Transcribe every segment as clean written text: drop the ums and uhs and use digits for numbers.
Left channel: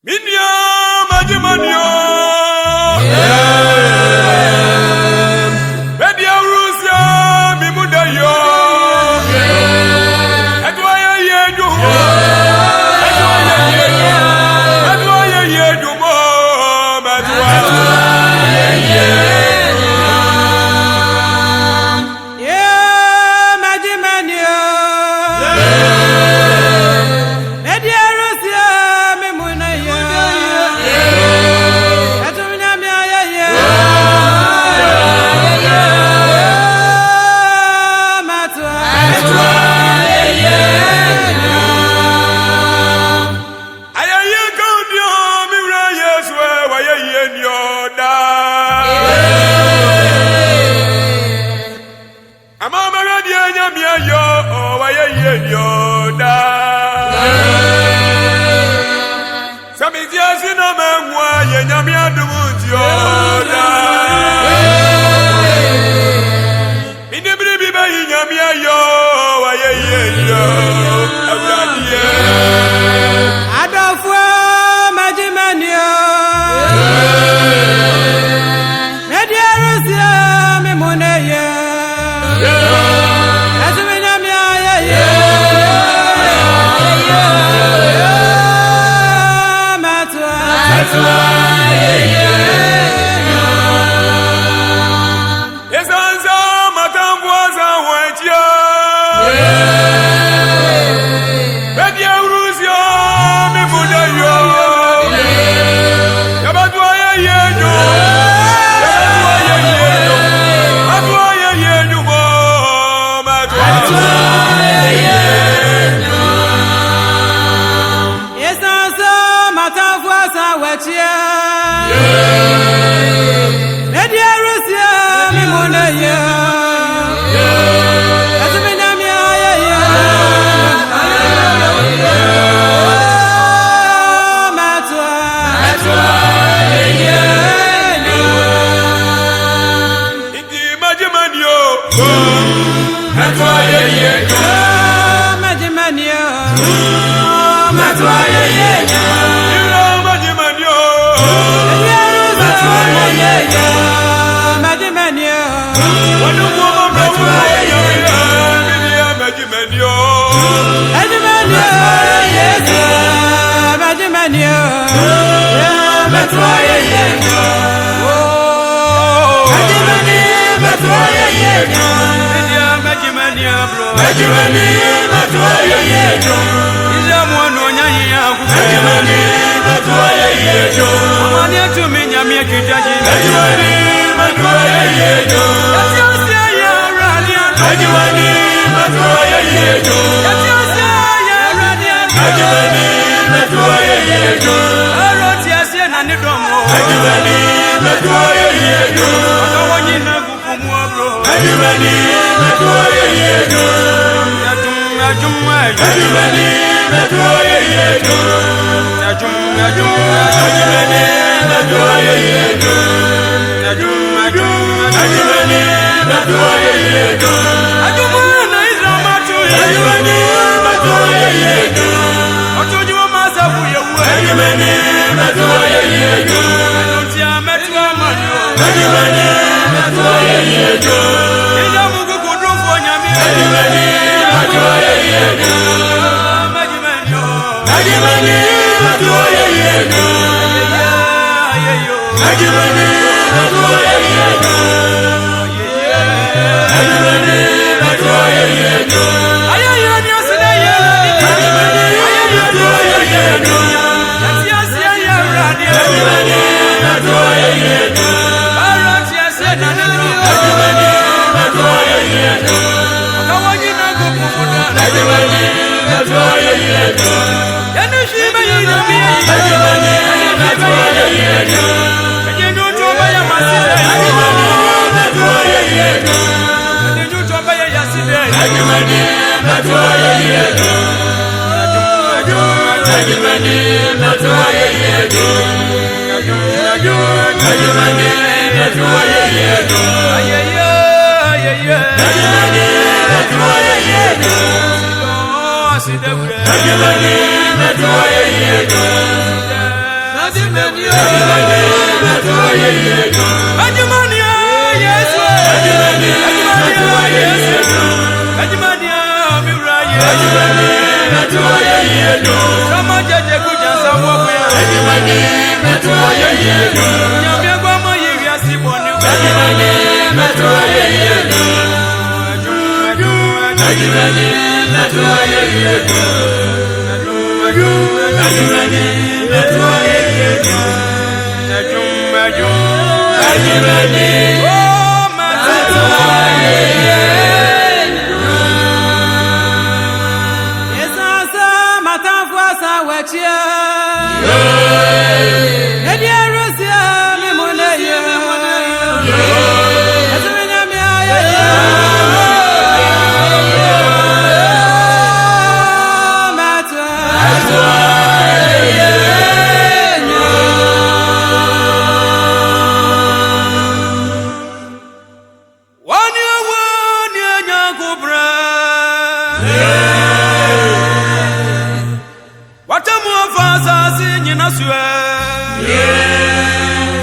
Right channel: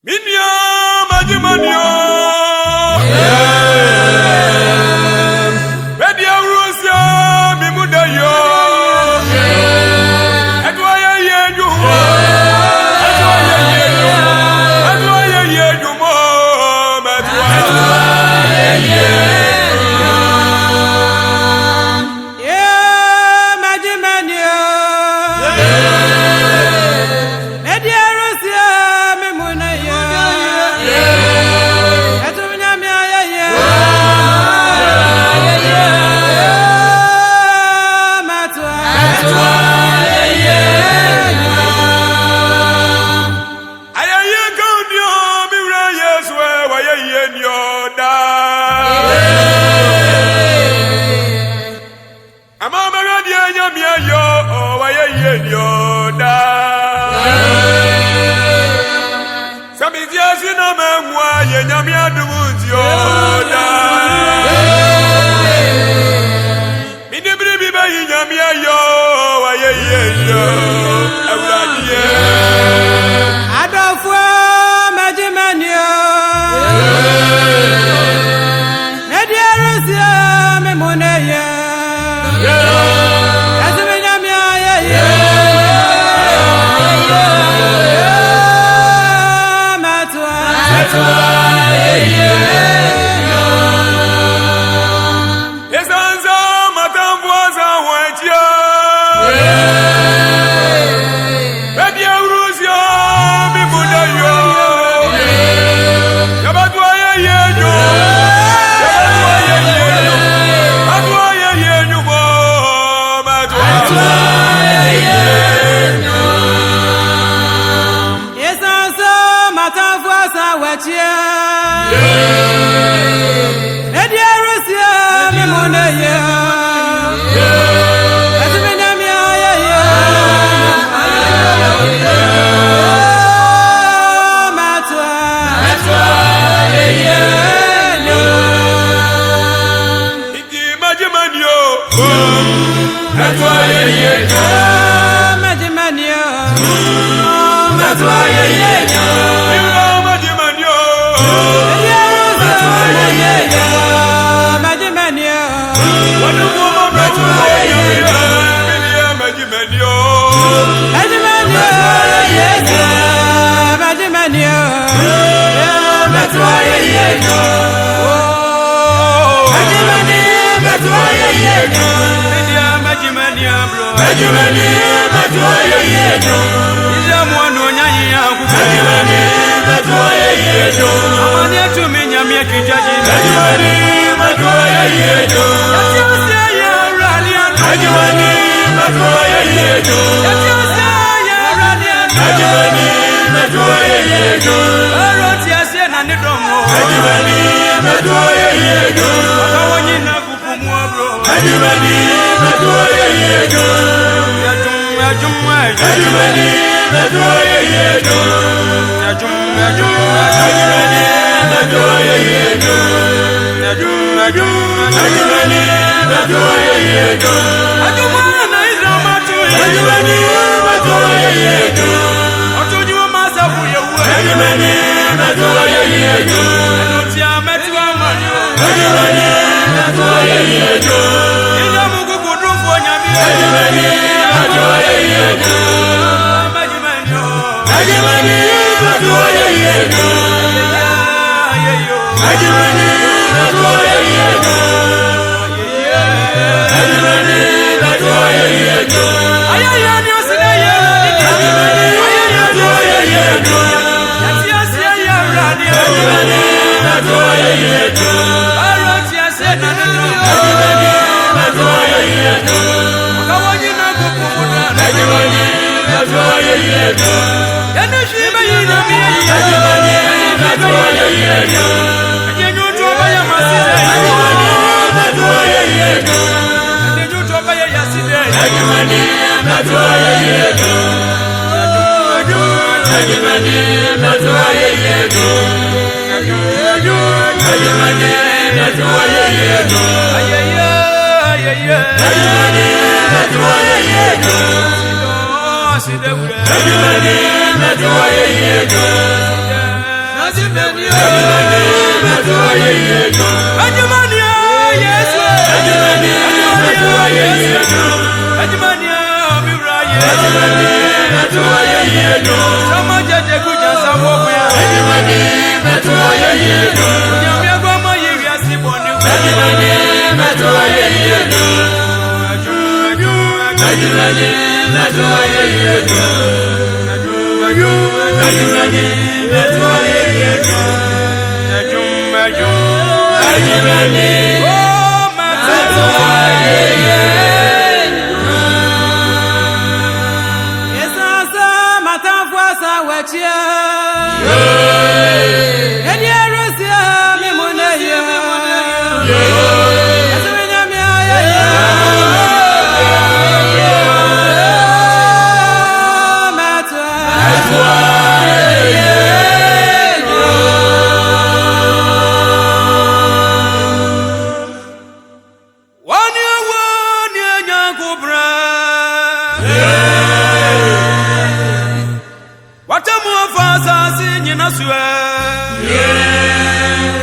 Minya Majimanyo Media Russia Mimudayo Edwaya Yeduma Edwaya Yeduma Edwaya Yeduma Edwaya Yeduma Yeah Majimanyo Media Russia Mimudayo Samitiasina mengwa yenyamia dumunzioda Minibri biba yenyamia yo wayeyo Ewradie Adofwa Majimanyo Media Russia Mimudayo Esanza matambuaza wajia Media Russia Mimudayo Yabadwa yeyo Yabadwa yeyo Yabadwa yeyo Madwa Esanza matambuaza wajia Media Russia Mimudayo Sidewure, Ajumania, yes, Ajumania, yes, Ajumania, Mira, yes, Sama Jaja Kujan Samoya, Yamia Gama, yes, Bonu, oh, Mata. Yes, Mata Fuasa, Wachia. Nadia Russia, Memoneya. Yes,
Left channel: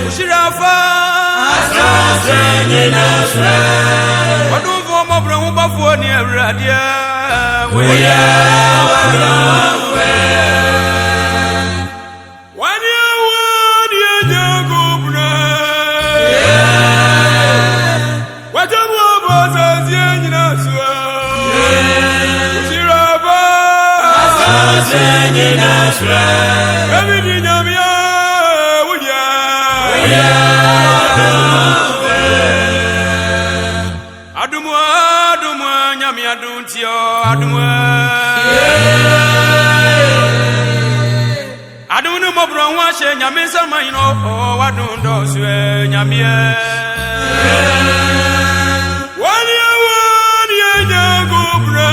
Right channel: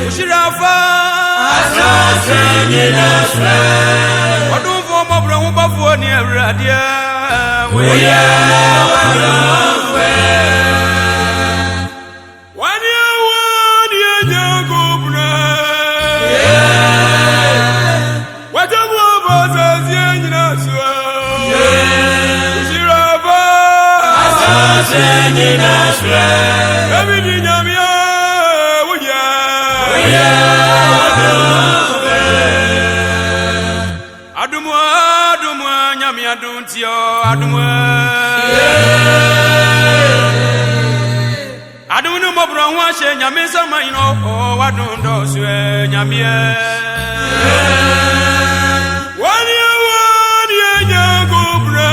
Ushirafa Wadun for my brown buffer near Radia. We one year, go bread. What a was as young as Ushirafa everything I'm Adumwa, nyami aduntio, adumwa. Adunu mobro washe nyami sama ino, wadundo swe nyami. Wani nyagubra.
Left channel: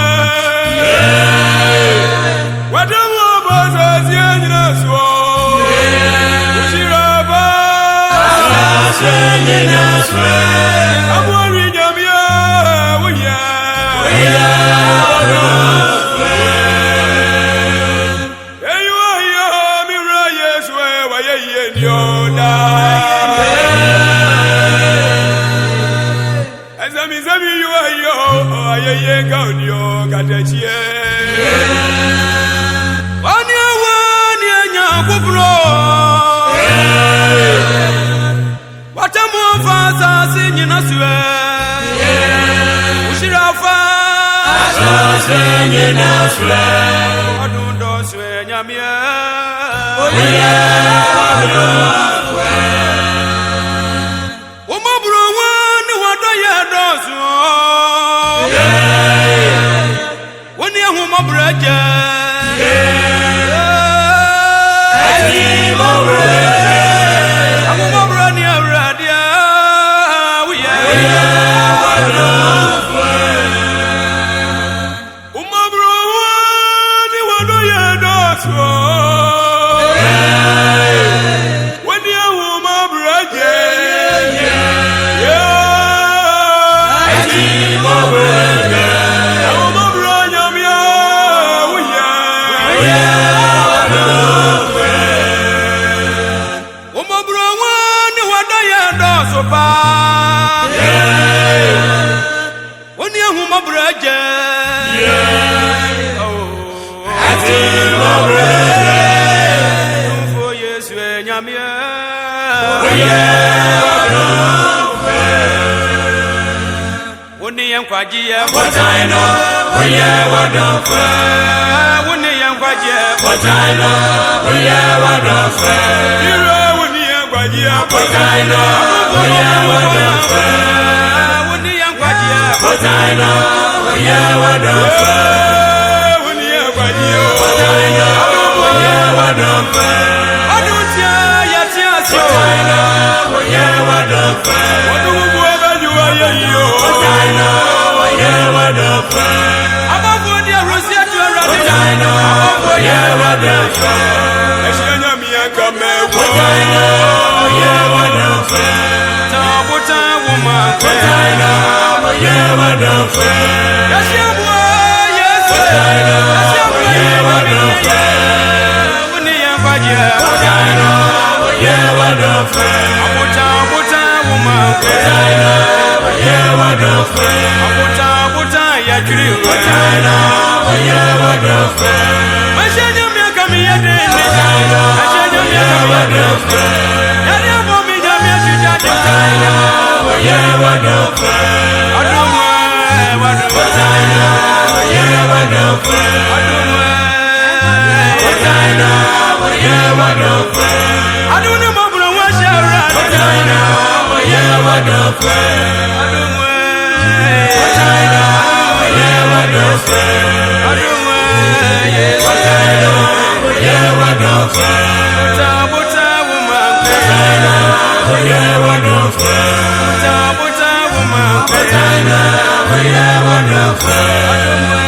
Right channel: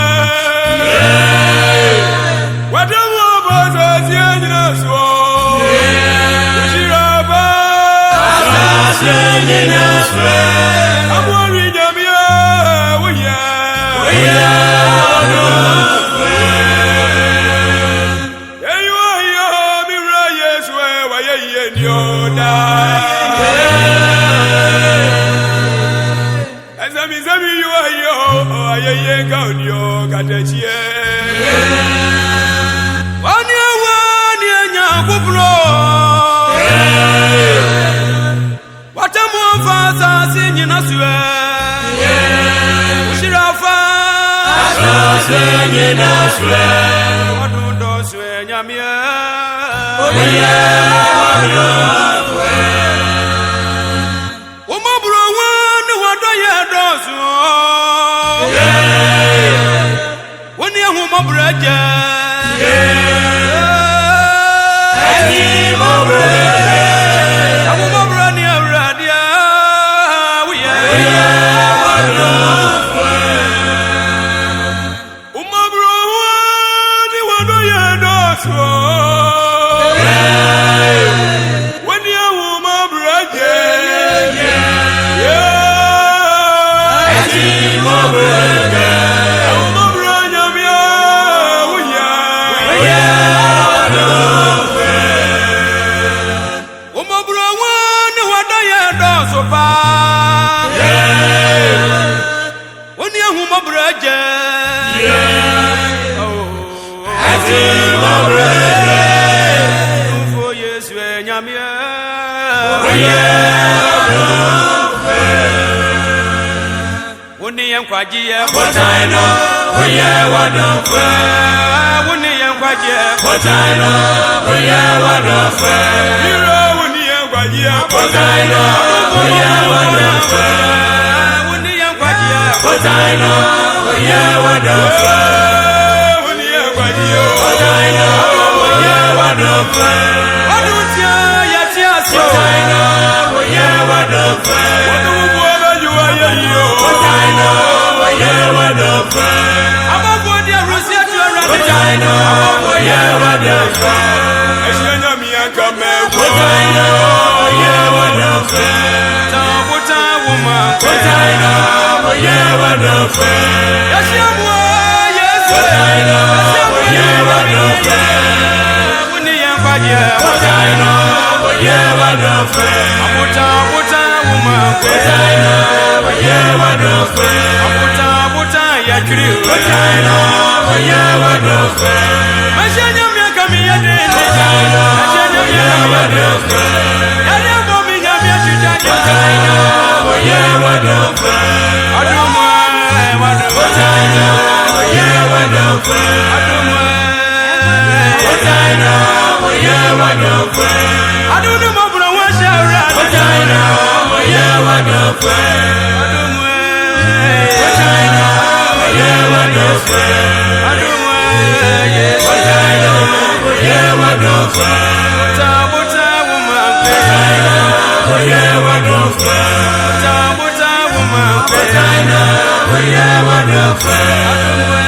Wadamu baza zianyina swo. Ushiraba. Amwari nyami. Ushirafa Adundo swe nyamia Umabro wani wadoye dosu Wani ya humabreje Amumabro ni aradia when you my brother, yeah, I'm my brother, yeah, my brother, what I do so far. When you my brother, Wuni yankwaji ya potaino, oye wadonfe. Wuni yankwaji ya potaino, oye wadonfe. Ira wuni yankwaji ya potaino, adubo mabra wuko yankwe. Wuni yankwaji ya potaino, oye wadonfe. Wuni yankwaji ya potaino, adubo wadonfe. Aduntia yatiasio, oye wadonfe. Wadubu wabejuwa yeyo. Above the Russia to a radical, above the radical. Eshianya mianka mewo. Tabuta woman. Yashiamwa, yes, Yashiamwa, Yamini, Wuni Yankwaje, Mutaino. Abuta abuta woman kwe Abuta abuta ya kiriwe Mashanya miaka miyadeni Mashanya miaka miyadeni Yari abo minyamia chijaji Adumwe Adumwe Adunu mabura wa shara ni sawo Adumwe Adumwe Yesu Buta buta woman kwe Buta buta woman kwe Adumwe